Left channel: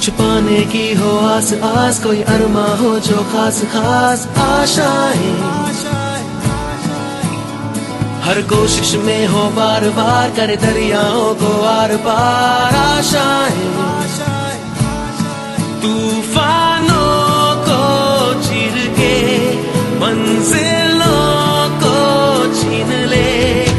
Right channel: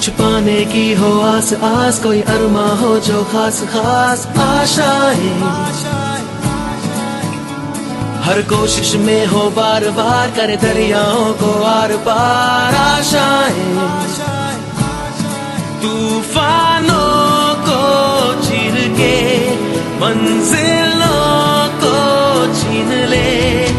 कुछ पाने की हो आस आस, कोई अरमा हो जो खास खास आशाएं। हर कोशिश में हो बार बार, करे दरियाओं को आर पार आशाएं। तूफानों को चीर के मंजिलों को छीन ले।